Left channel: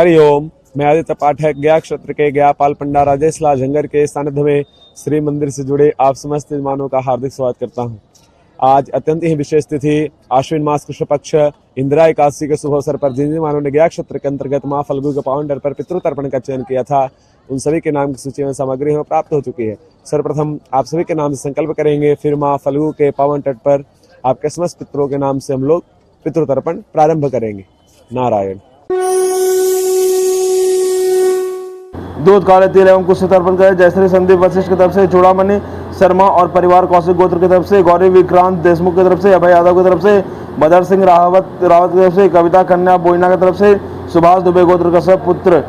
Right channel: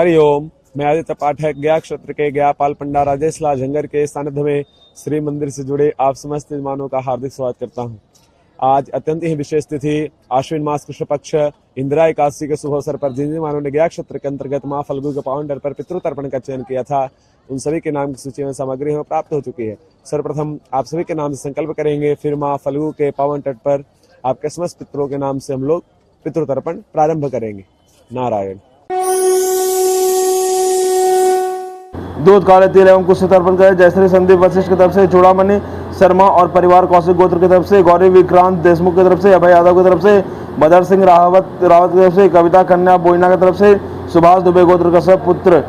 हरिओम। मैं आदित्य पाठक गया क्षेत्र के गया पाल पंडा राजेश लाल झंगर के सानिध्य में श्री मंदिर से जुड़े आप समस्त यजमानों का हार्दिक स्वागत करता हूं। आज अत्यंत ही विशेष तिथि आश्विन मास कृष्ण पक्ष इंदिरा एकादशी के शुभ अवसर पर जिन यजमानों ने गया क्षेत्र के अंतर्गत मां फल्गु के पावन डर पर पितृतर्पण का चयन किया था, उन सभी के नाम की सूची में सामग्री हमें प्राप्त हो चुकी है। सर्वप्रथम आप सभी के नाम से संकल्प करेंगे, फिर मां फल्गु के पावन तट पर आपके समस्त पितरों के नाम से हम लोग पितृतर्पण प्रारंभ करेंगे। नारायण। दूध काले तिल एवं कुछ तर्पण करें। जय श्री संदीप वशिष्ठ की तरफ से, चूड़ामणि शर्मा और परिवार कौशिक गोत्र की तरफ से, गौरी विक्रांत देशमुख की तरफ से, अभय यादव की तरफ से, बदर सिंह रावत की तरफ से, कविता कन्या बोइना की तरफ से, सुभाष दुबे गोत्र कश्यप पुत्र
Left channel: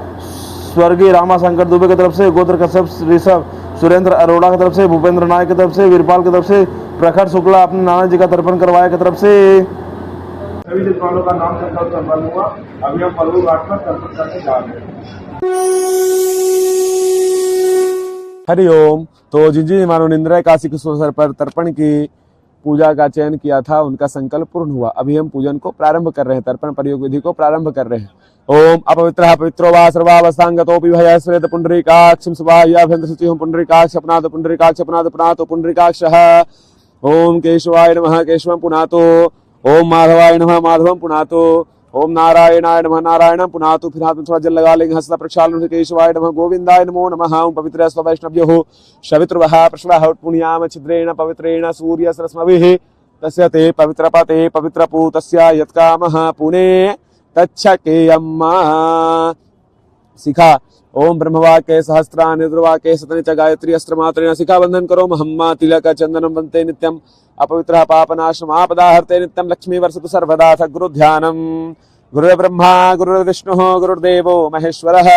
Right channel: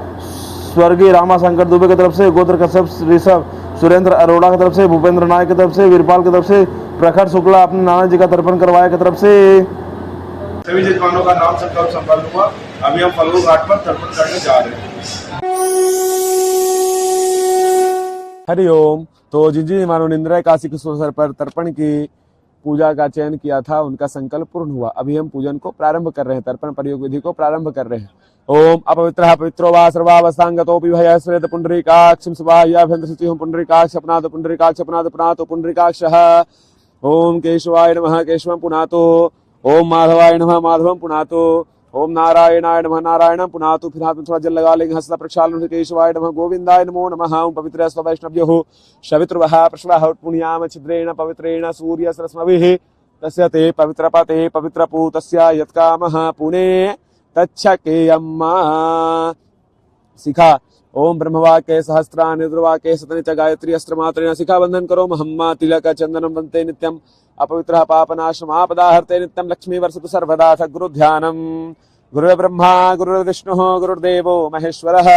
स्वर्गीय रामाशंकर दुबे की तरफ से, गोत्र कश्यप ऋषभ सुरेंद्र अरोड़ा की तरफ से, भूपेंद्र नायक की तरफ से, वीरपाल की तरफ से, प्रखर शुक्ला अपने नाना जी का तर्पण करवाया की तरफ से। सभी यजमानों का नाम संकल्प संपन्न हुआ। अभी हम फल्गु घाट पर तर्पण करने जा रहे हैं। हरिओम। तो जिन जिन यजमानों ने इंदिरा एकादशी के अवसर पर तर्पण की पूजा का चयन किया था, उनका संकल्प पूर्ण हुआ। अभी हम पूजन को प्रारंभ कर रहे हैं, तर्पण प्रयोग विधि को प्रारंभ कर रहे हैं। ओम अपवित्रः पवित्रो वा सर्वावस्थांगतोऽपि भयः स्वेत पुंडरीकाक्षं स्वाहाभ्यंतर शुचिः पुंडरीकाक्ष अपनातो पुंडरीकाक्ष अपनातो पुनातो पुंडरीकाक्षः। ओम केशवाय नमः केशवं पुनातो, ओम माधवाय नमः माधवं पुनातो, ओम नारायणाय नमः नारायणं पुनातु। फिर हाथ में थोड़ा जल लगा लेंगे, हंसता प्रक्षालन से केशवाय नमः गोविंदाय नमो नमः। ओम पवित्र स्ववैष्णव्यो शवित्रवः प्रश्वः पुण्याम छिद्रेण पवित्रेण सूर्य सरस्मभिः तस्य ते पवित्रपते पवित्रपूतस्य यत्कामः पुणे तच्छकेयम्मा। शिखा ओम ब्रह्मवाक्य सहस्रा निर्वाक्य शतनि च गायत्री अस्त्र मात्रेण शिखा बंधन करो महम्मा तिलक चंदनम वंते नित्यम अपवित्रः पापनाशम आपदाहर्ते नित्यम लक्ष्मी वर्षतु सर्वदा। गुरु ध्यानम गुरुर्ब्रह्मा गुरुर्विष्णुः गुरुर्देवो महेश्वरः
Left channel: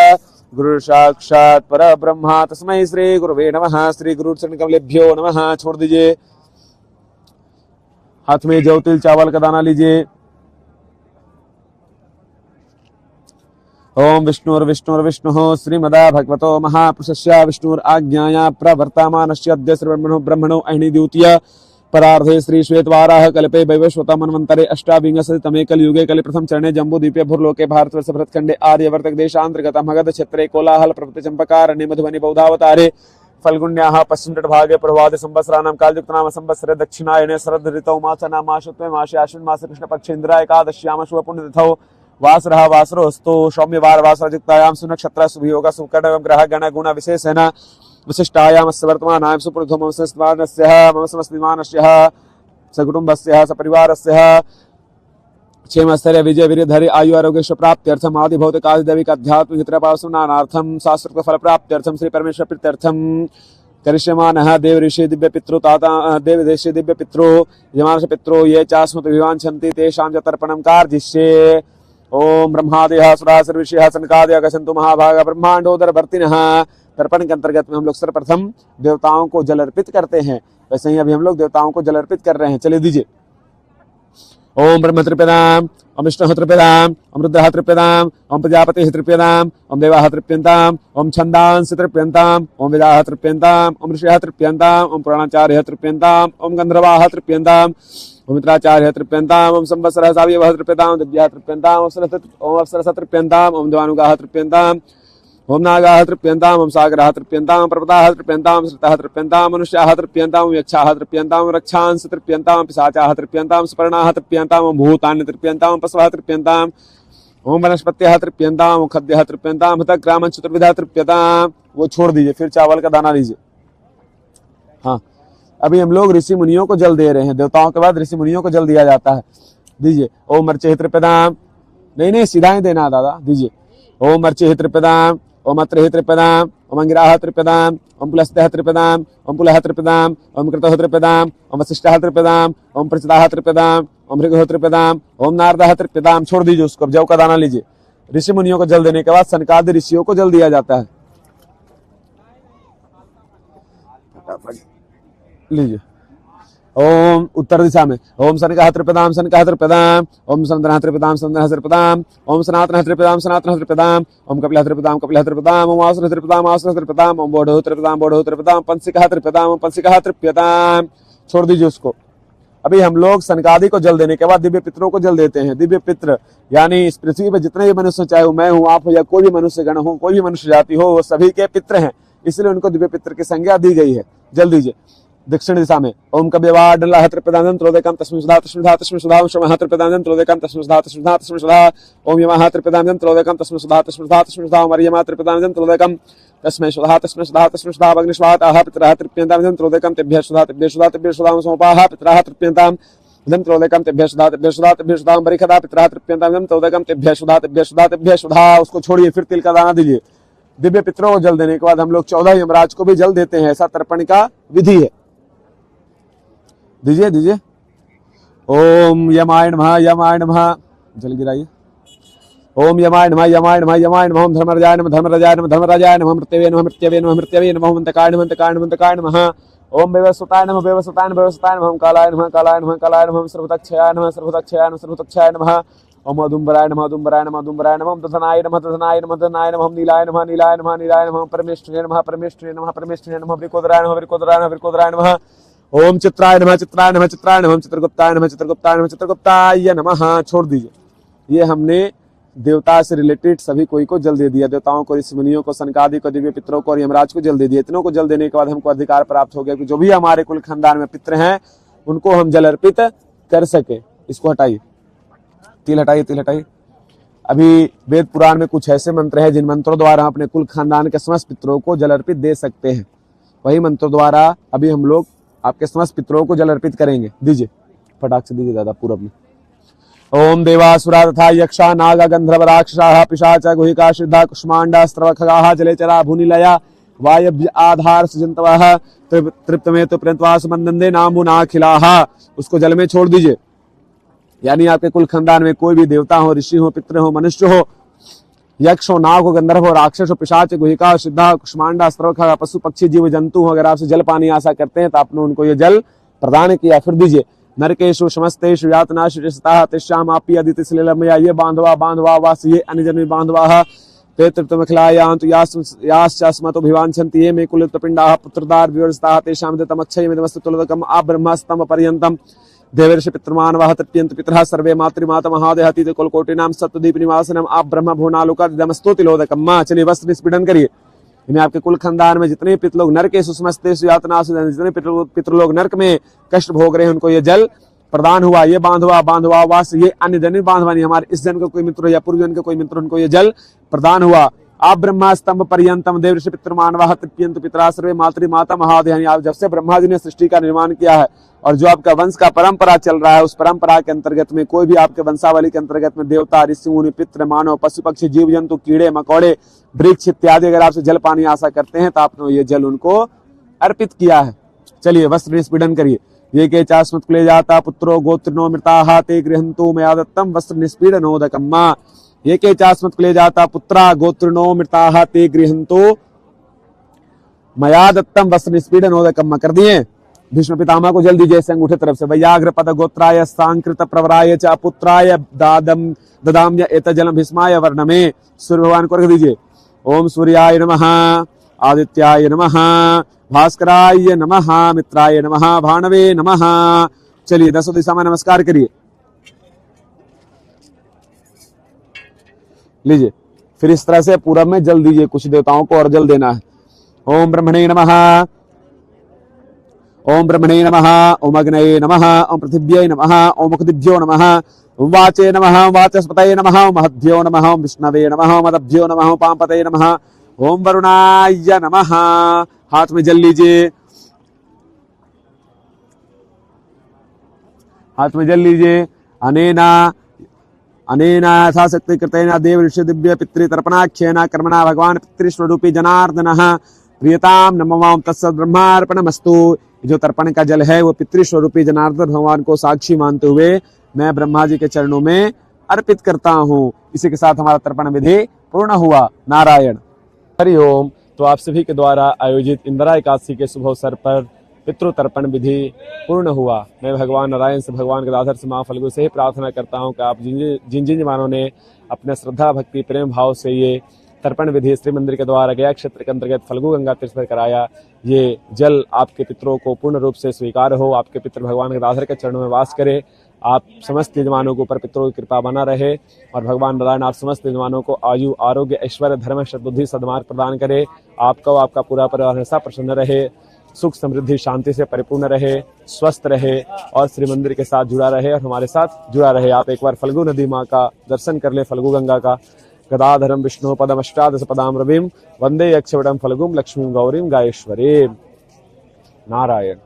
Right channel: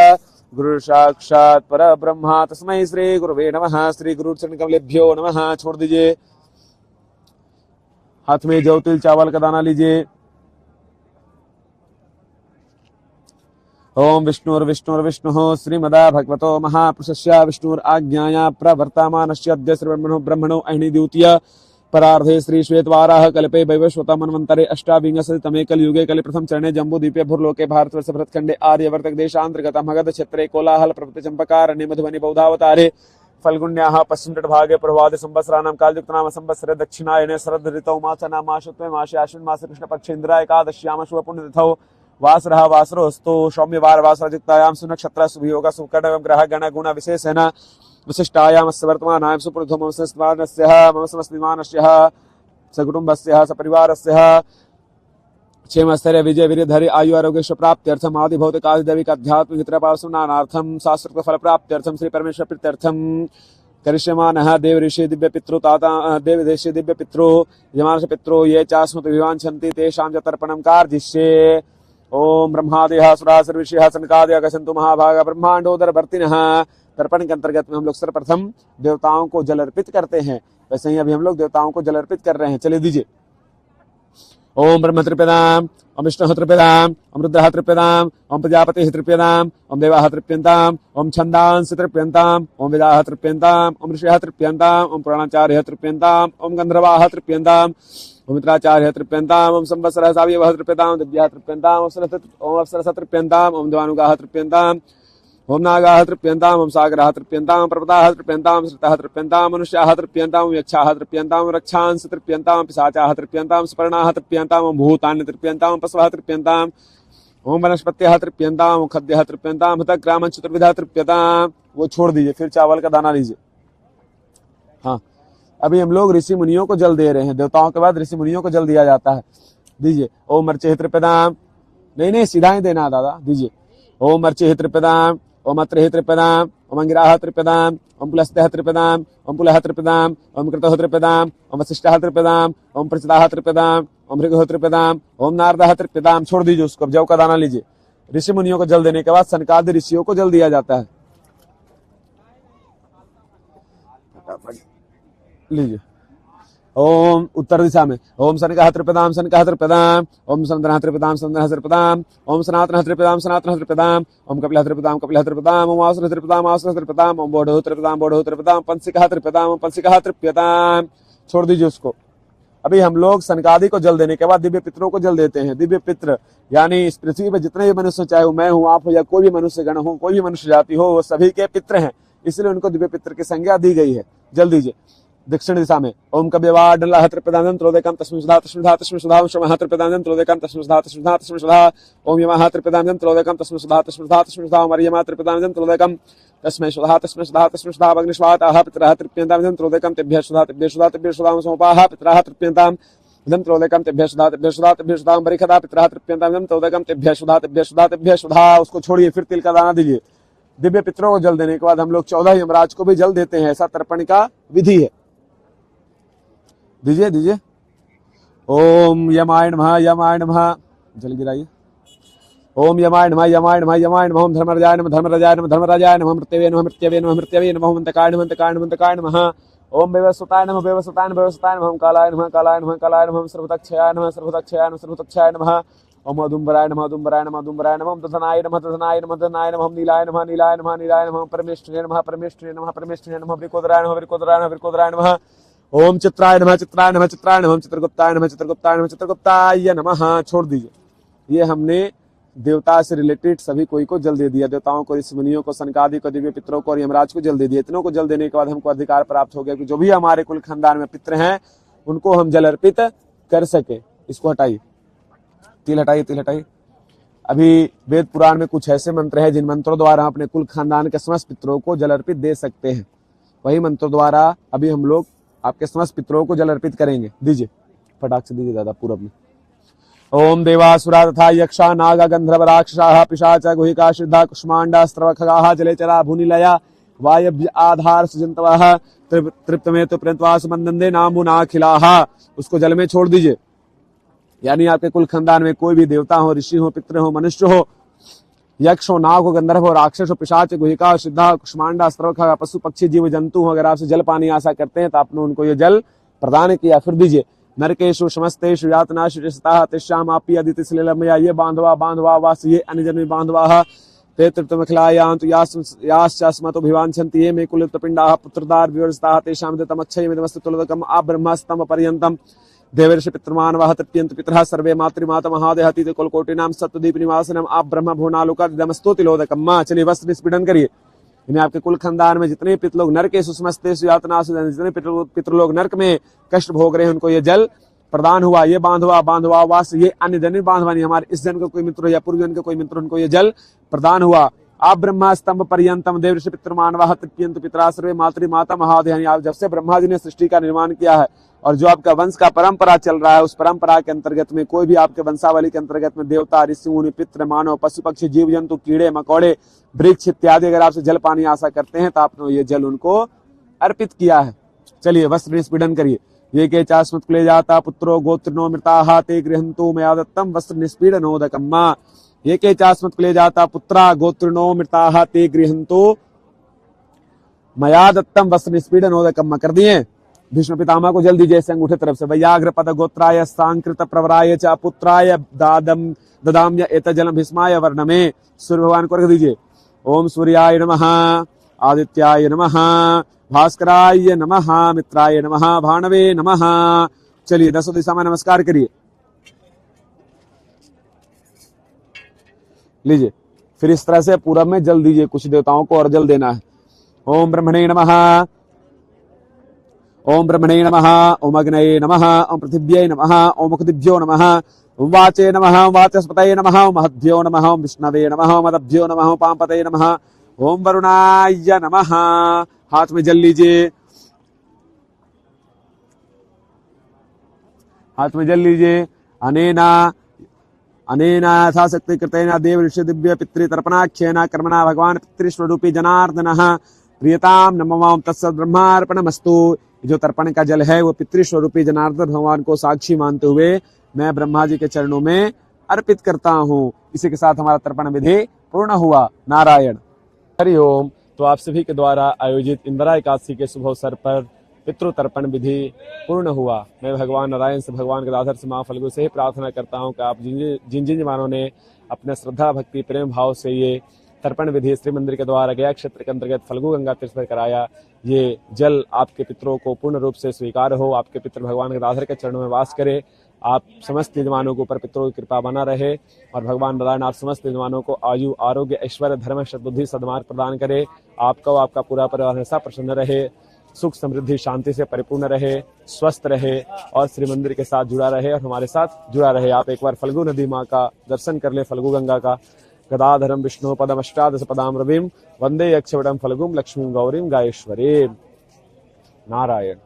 गुरुर्साक्षात् परब्रह्म तस्मै श्री गुरुवे नमः। श्री गुरु चरणकमलेभ्यो नमः। छोड़ दीजिए, हाथ में जौ तिल चावल का दाना लीजिए। ओम विष्णुर्विष्णुर्विष्णुः श्रीमदा भगवतो महापुरुषस्य विष्णुराज्ञाया प्रवर्तमानस्य अद्य ब्रह्मणो अहिनि द्वितीय परार्धे श्री श्वेतवाराह कल्पे वैवस्वत मन्वन्तरे अष्टाविंशतितमे कलयुगे कलिप्रथम चरणे जम्बूद्वीपे भूर्लोके भारतवर्ष भरतखंडे आर्यवर्तक देशान्तर्गत मगध क्षेत्रे कोलाहल प्रभृति चंपकारण्ये मधुबनी बौद्धावतारे फल्गुन्याः पश्चिम तटभागे प्रभाते संवत्सराणां कालयुक्तनाम संवत्सरे दक्षिणायने शरद ऋतौ मासनां मासत्वे मासे आश्विन मासे कृष्णपक्षे इंदिरा एकादश्याम शुभ पुण्यतिथौ वासरः वासरोऽस्तु सौम्यवार वासरयुक्तायां सुनक्षत्र शुभयोग सुकर्ण ग्रह गण गुण विशेषेण विशिष्टायां वर्तमानायां सुपुरुषो मम संस्मानस्य मम समस्मिमानस्य सकुटुम्बस्य सपरिवारस्य क्षेमस्थैर्य विजय वीर्यधैर्य आयु आरोग्य प्राप्त्यर्थम आदि भौतिक आदि दैविक आध्यात्मिक हितपावसनार्थम शास्त्र फल प्राप्त्यर्थम श्री परमेश्वर प्रीत्यर्थम करिष्यमानः देव ऋषि दिव्य पितृ ताता देव ऋषि दिव्य पितृ यमांश पितृ ये चास्मत विवांछन्ति तेषां च तर्पणं कार्जिष्ये। ओम ब्रह्मादयः सुराः सर्वऋषयः सनकादयः गच्छन्तु महाभागा ब्रह्मांडोदर भर्तिनः। तर्पण के अंतर्गत में हम लोग सर्वप्रथम देवताओं को जल अर्पित करते हैं, वैसे ही अभी हम लोग देवताओं को जल अर्पित कर रहे हैं। चलिए दीजिए। ओम ब्रह्म तृप्यताम्, ओम विष्णुः तृप्यताम्, ओम रुद्रः तृप्यताम्, ओम प्रजापतिः तृप्यताम्, ओम देवाः तृप्यन्ताम्, ओम छन्दांसि तृप्यन्ताम्, ओम वेदाः तृप्यन्ताम्, ओम ऋषयः तृप्यन्ताम्, ओम पुराणाचार्यः तृप्यन्ताम्, ओम गन्धर्वाः तृप्यन्ताम्, ओम मित्राचार्यः तृप्यन्ताम्, ओम संवत्सरः सावयवः तृप्यताम्, दिव्याः तृप्यन्ताम्, ओम अप्सरसः तृप्यन्ताम्, ओम देवानुगाः तृप्यन्ताम्, ओम नागाः तृप्यन्ताम्, ओम सागराः तृप्यन्ताम्, पर्वताः तृप्यन्ताम्, श्रुताः तृप्यन्ताम्, मनुष्याः तृप्यन्ताम्, यक्षाः तृप्यन्ताम्, रक्षांसि तृप्यन्ताम्, पिशाचाः तृप्यन्ताम्, स्पर्णाः तृप्यन्ताम्, ओम भूतानि तृप्यन्ताम्, पशवः तृप्यन्ताम्, ओम वनस्पत्यः तृप्यन्ताम्, ओम खद्यः तृप्यन्ताम्, हतग्रामं चतुर्विधः तृप्यताम्। वो छोड़ दीजिए, फिर चावल का दाना लीजिए। हाँ, अभी हम लोग ऋषि मुनियों को जल दे रहे हैं। देवताओं के बाद ऋषि मुनियों को जल दिया जाता है। दीजिए। ओम मर्चे तृप्यताम्, नहीं सीधा ही देना दादा, दीजिए। ओम मर्चे तृप्यताम्, ओम अत्र तृप्यताम्, ओम अंगिराः तृप्यताम्, ओम पुलस्त्यः तृप्यताम्, ओम पुलः तृप्यताम्, ओम कृतः तृप्यताम्, ओम वसिष्ठः तृप्यताम्, ओम प्रचिताः तृप्यताम्, ओम भृगुः तृप्यताम्, ओम नारदः तृप्यताम्। छोड़ दीजिए उसको, जौ का दाना लीजिए। ऋषि मुनियों को जल देने के बाद सनकादि ऋषियों को जल दिया जाता है। लीजिए। ओम उत्तर दिशा में ओम सनकः तृप्यताम् सनकः तृप्यताम्, ओम सनन्दनः तृप्यताम् सनन्दनः तृप्यताम्, ओम सनातनः तृप्यताम् सनातनः तृप्यताम्, ओम कपिलः तृप्यताम् कपिलः तृप्यताम्, ओम आसुरः तृप्यताम् आसुरः तृप्यताम्, ओम बोधः तृप्यताम् बोधः तृप्यताम्, पंसिकः तृप्यताम् पंसिकः तृप्यताम्। छोड़ दीजिए उसको। अभी हम लोग सनकादि को जल देने के बाद दिव्य पितरों को जल देते हैं। दिव्य पित्र यानी इस पृथ्वी पर जितने भी मनुष्य, चाहे वो मैं हूँ, आप हो, या कोई भी मनुष्य गण हो, कोई भी मनुष्य जाति हो, वो सभी के पित्र हैं, इसलिए उनको दिव्य पित्र की संज्ञा दी गई है। जल दीजिए दक्षिण दिशा में। ओम कव्यवाडल्लाह त्रिप्रदानं त्रोदकं तस्मिन् सुधा तस्मिन् सुधा तस्मिन् सुधा शमः त्रिप्रदानं त्रोदकं तस्मिन् सुधा तस्मिन् सुधा तस्मिन् सुधा। ओम यमः त्रिप्रदानं त्रोदकं तस्मिन् सुधा तस्मिन् सुधा तस्मिन् सुधा। ओम अर्यमा त्रिप्रदानं त्रोदकं तस्मै सुधा तस्मै सुधा तस्मै सुधा। अग्निष्वाताः पितरः तृप्यन्तां त्रोदकं तेभ्यः सुधा तेभ्यः सुधा तेभ्यः सुधा। ओम सोपाः पितरः तृप्यन्तां इदं त्रोदकं तेभ्यः सुधा तेभ्यः सुधा तेभ्यः सुधा। ओम बरिखदा पितरः तृप्यन्तां इदं त्रोदकं तेभ्यः सुधा तेभ्यः सुधा तेभ्यः सुधा। उसको छोड़िए, फिर तिल का दाना दीजिए। दिव्य पितरों को जल देने के बाद हम लोग 14 यमराज को भी जल देते हैं। ऐसा तर्पण का विधि है। दीजिए दीजिए। ओम यमाय नमः यमाय नमः। जल गिराइए। ओम यमाय नमः यमाय नमः यमाय नमः। ओम धर्मराजाय नमः धर्मराजाय नमः धर्मराजाय नमः। मृत्यवे नमः मृत्यवे नमः मृत्यवे नमः। ओम अंतकाय नमः अंतकाय नमः अंतकाय नमः। ओम वैवस्वताय नमः वैवस्वताय नमः वैवस्वताय नमः। ओम कालाय नमः कालाय नमः कालाय नमः। ओम सर्वतक्षयाय नमः सर्वतक्षयाय नमः सर्वतक्षयाय नमः। ओम अदुम्बराय नमः अदुम्बराय नमः अदुम्बराय नमः। ओम दधनाय नमः दधनाय नमः दधनाय नमः। ओम नीलाय नमः नीलाय नमः नीलाय नमः। परमेष्ठिने नमः परमेष्ठिने नमः परमेष्ठिने नमः। वृकोदराय नमः वृकोदराय नमः वृकोदराय नमः। ओम चित्राय नमः चित्राय नमः चित्राय नमः। चित्रगुप्ताय नमः चित्रगुप्ताय नमः चित्रगुप्ताय नमः। छोड़ दीजिए। ये हमने देवता से रिलेटेड सभी कोई को जल दे दिया। देवताओं को, ऋषि मुनियों को, सनकादि को, दिव्य पितरों को और यमराज को जल दे दिया। इतनों को जल देने के बाद हमको अधिकार प्राप्त हो गया कि जो भी हमारे कुल खानदान में पितर हैं उनको हम जल अर्पित कर सके। इसको हटाइए, तिल हटाइए, तिल हटाइए। अभी वेद पुराण में कुछ ऐसे मंत्र हैं जिन मंत्रों द्वारा हम अपने कुल खानदान के समस्त पितरों को जल अर्पित दे सकते हैं। वही मंत्रों द्वारा अभी हम लोग आपके समस्त पितरों को जल अर्पित करेंगे। दीजिए, फटाक से दीजिए दादा पूरब में। ओम देवासुरा तथा यक्षा नाग गंधर्व राक्षसाः पिशाच गुहिका सिद्धा कुष्मांडा स्त्रवखगाः जलेचरा भूनिलया वायव्य आधार सजंतवः तृप्तमे तो प्रंतवास मंदंदे नामुनाखिलाः। उसको जल में छोड़ दीजिए। यानी आपके कुल खानदान में कोई भी देवता हो, ऋषि हो, पितृ हो, मनुष्य हो, यक्ष हो, नाग हो, गंधर्व हो, राक्षस हो, पिशाच, गुहिका, सिद्धा, कुष्मांडा, स्त्रवखगा, पशु पक्षी जीव जंतु हो, अगर आपसे जल पानी आशा करते हैं तो आपने उनको ये जल प्रदान किया। फिर दीजिए। नरकेशु समस्तेषु यातनाषु रिसताः तेषाम् आपि अदिति श्लीलमया ये बांधवा बांधवा वास ये अन्यजन्मी बांधवाः ते तृप्तमखिलायान्तु याश्चास्मतो भिवाञ्छन्ति ये मे कुलपिण्डाः पुत्रदार विवर्जिताः तेषां दत्तमच्छयमिदमस्तु तुलदकम् आब्रह्मस्तम पर्यन्तम् देवर्षि पितृमानवः तृप्यन्ति पितरः सर्वे मातृमातमहादेहतीत कुलकोटिनां सत्वदीप निवासिनम् आब्रह्म भुवनालोकादिदमस्तु तिलोदकम्। माँ चलिए वस्त्र निष्पीडन करिए। इन्हें आपके कुल खानदान में जितने पितृलोग नरक के सुसमस्तेषु यातनासु, जितने पितृलोग नरक में कष्ट भोग रहे हैं उनको ये जल प्रदान हुआ। ये बांधवा बांधवा वास ये अन्य जन बांधवा नहीं, हमारे इस जन के कोई मित्र या पूर्व जन के कोई मित्र, उनको ये जल प्रदान हुआ। आप ब्रह्मा स्तंभ पर्यंतम देवर्षि पितृमानवः तृप्यन्त पितरा सर्वे मातृमाता महादेहानि। आप जब से ब्रह्मा जी ने सृष्टि का निर्माण किया है और जो आपका वंश का परंपरा चल रहा है, उस परंपरा के अंतर्गत में कोई भी आपके वंशावली के अंतर्गत में देवता, ऋषि मुनि, पितृ, मानव, पशु पक्षी, जीव जंतु, कीड़े मकोड़े, वृक्ष इत्यादि अगर आपसे जल पानी आशा करते हैं तो आपने ये जल उनको अर्पित किया है। चलिए वस्त्र निष्पीडन करिए। ये के चास्मत कुले जाता पुत्रो गोत्रिनो मृताः ते गृहन्तु मया दत्तम वस्त्र निष्पीडनोदकम्। ये के चास्मत कुले जाता पुत्रा गोत्रिनो मृताः ते गृहन्तु मया दत्तम वस्त्र निष्पीडनोदकम्। कर दिए। भीष्म पितामह को जल दीजिए ऐसे अंगूठे तरफ से। वैयाघ्र पद गोत्राय सांकृत प्रवराय च पुत्राय ददाम्य एतजलम भीष्माय वर्णमे। सूर्य भगवान को रख दीजिए। ओम सूर्याय नमः आदित्याय नमः भास्कराय नमः मित्राय नमः भानवे नमः। चलिए 10 दिशा में नमस्कार करिए। लीजिए। फिर इस तरह से पूरब में जल दीजिए। कुछ देवताओं को और जल देना है। ओम ब्रह्मणे नमः ओम ब्रह्मणे नमः ओम अग्नये नमः ओम पृथिव्यै नमः ओम मुखदिभ्यो नमः ओम वाचे नमः ओम वाचस्पतये नमः ओम महद्भ्यो नमः ओम विष्णवे नमः ओम अदभ्यो नमः ओम पांपतये नमः ओम वरुणाय नमः। हाथ में जल लीजिए। हाथ में जल लीजिए। अनेना यथाशक्ति कृतेन देव ऋषि दिव्य पितृतर्पणाख्येन कर्मणा भगवान पितृस्वरूपी जनार्दनः प्रियताम नमः तत्सत् ब्रह्मार्पणमस्तु। जो तर्पण का जल है वो पितृस्वरूपी जनार्दन भगवान को साक्षी मानते हुए मैं ब्रह्मा जी के चरणों में अर्पित करता हूँ। इसी के साथ हमारा तर्पण विधि पूर्ण हुआ। नारायण। हरिओम। तो आप सभी के द्वारा आयोजित इंदिरा एकादशी के शुभ अवसर पर पितृ तर्पण विधि पूर्ण हुआ। मैं भगवान नारायण से, भगवान गदाधर से, मां फल्गु से ही प्रार्थना करता हूँ कि आप जिन जिन जवानों ने अपने श्रद्धा भक्ति प्रेम भाव से ये तर्पण विधि श्री मंदिर के द्वारा गया क्षेत्र के अंतर्गत फल्गु गंगा तीर्थ पर कराया। ये जल आपके पितरों को पूर्ण रूप से स्वीकार हो, आपके पितृ भगवान गदाधर के चरणों में वास करे, आप समस्त यजमानों के ऊपर पितरों की कृपा बना रहे और भगवान नारायण आप समस्त यजमानों को आयु, आरोग्य, ऐश्वर्य, धर्म, सद्बुद्धि, सद्मार्ग प्रदान करे। आपका आपका पूरा परिवार हमेशा प्रसन्न रहे, सुख समृद्धि शांति से परिपूर्ण रहे, स्वस्थ रहे और श्री मंदिर के साथ जुड़ा रहे और हमारे साथ जुड़ा रहे। आप एक बार फल्गु नदी माँ का दर्शन कर ले, फल्गु गंगा का। गदाधरम विष्णु पदम अष्टादश पदाम रविम वंदे यक्षवटम फल्गुम लक्ष्मीं गौरीं गायेश्वरीं। नारायण।